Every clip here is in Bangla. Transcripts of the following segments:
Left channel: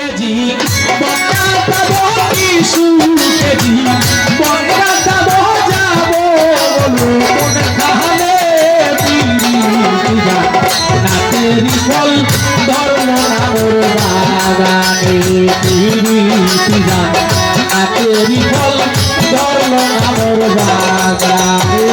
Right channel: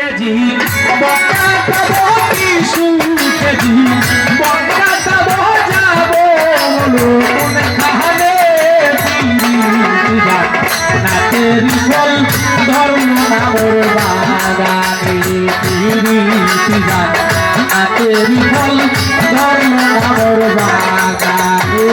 কেজি বক্কা দেব কিছু কেজি বক্কা দেব যাবো কোনখানে নাচের ফল ধর্ম নামর বাগানে নাচের ফল ধর্ম নামর বাগানে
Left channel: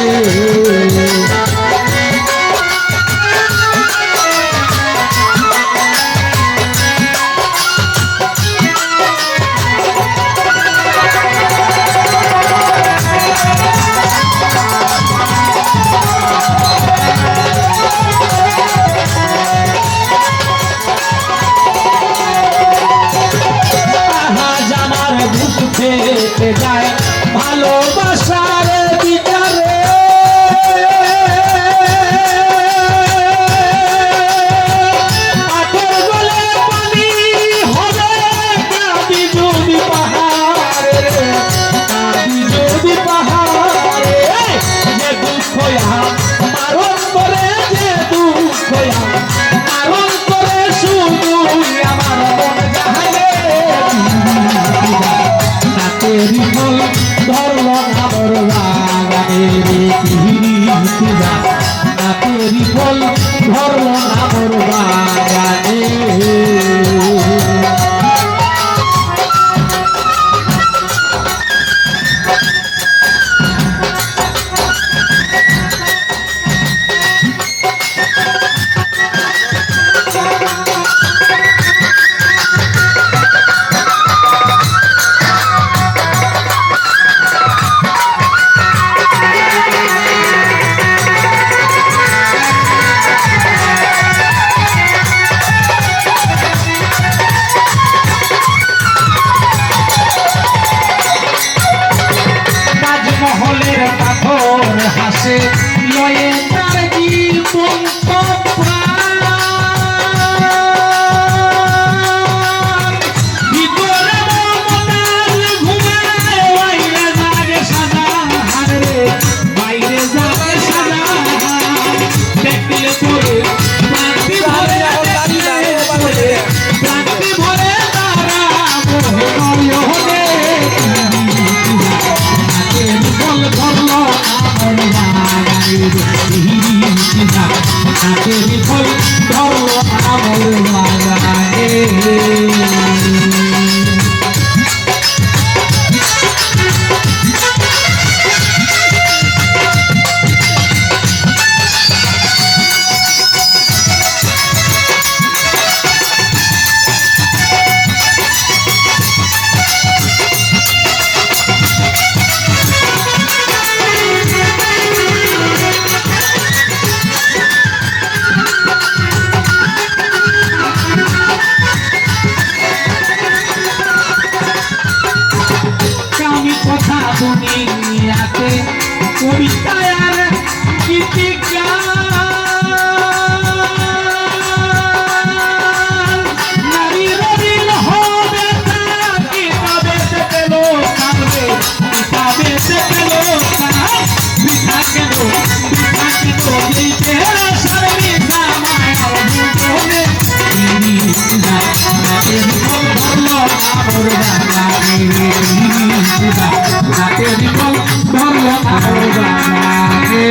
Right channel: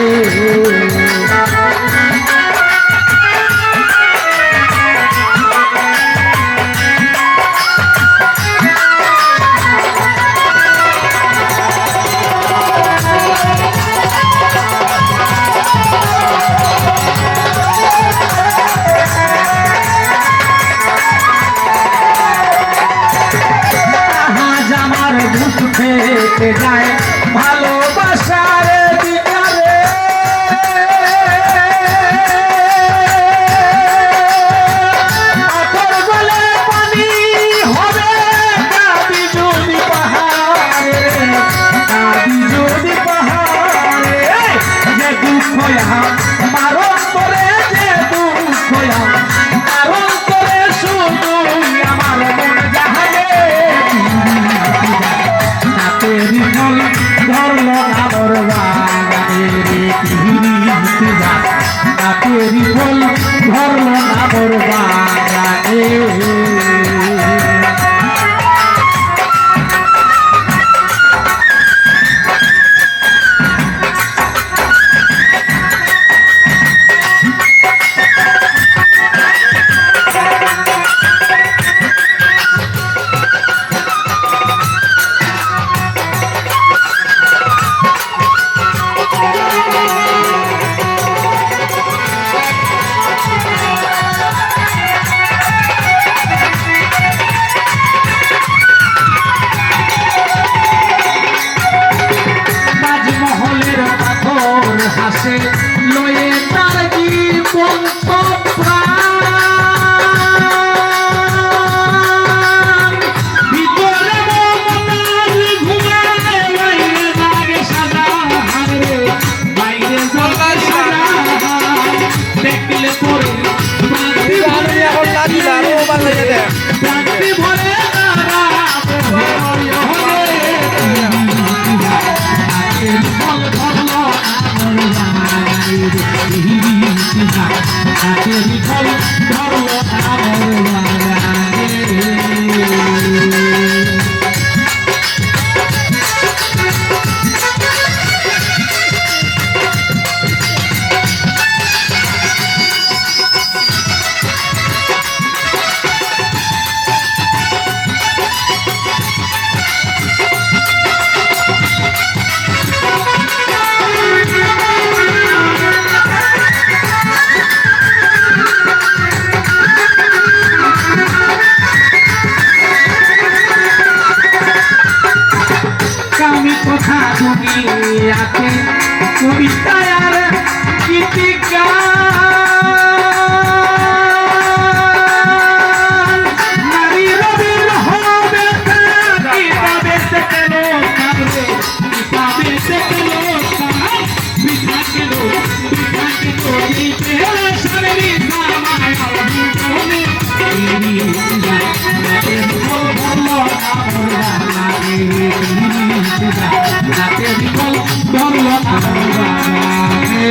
থেকে যায় ভালোবাসার বিচারে আতর গলে পানি হবে কাঁদি যদি পাহাড়ে কাঁদি যদি পাহাড়ে যে দুঃখ মারণ করে যে দুঃখ মারণ করে শুধু আমার মন জাহানে তেরি ফল ধরল নামর বাগানে তেরি ফল ধরল নামর বাগানে মহলের পাথর হাসে লয়ে তার জীবন ভিতরে ঘুমায় লাগে সাজা হারে বাইরে যাবে সাজা দেখলে পরে প্রান্তি ভরে তারা হবে নাচের ফল ধরল নামর বাগানে কথা দুনিয়াতে কবিতায় আর গীতিকার নারী রবির হবে কিতাবে থেকে লোক কাঁদবে কিতাবে থেকে লোক বিঠা কেন এই কেড়ে সামনে মায়ার ভুলে নাচের ফল ধরল নামর বাগানে নাচের ফল ধরল নামর বাগানে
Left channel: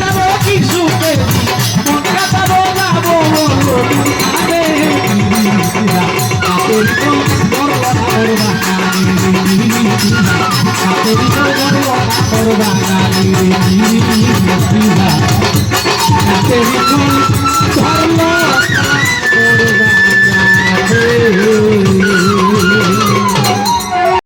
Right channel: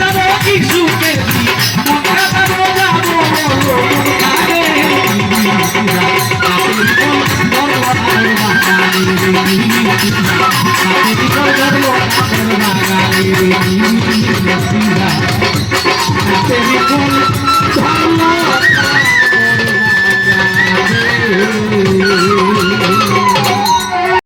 যাবো কি সুখে মন কাটাবে যাবো বলো কাটে কাটের কোন বড় বাগানে কাটের কোন বড় বাগানে কাটের কোন ধরলো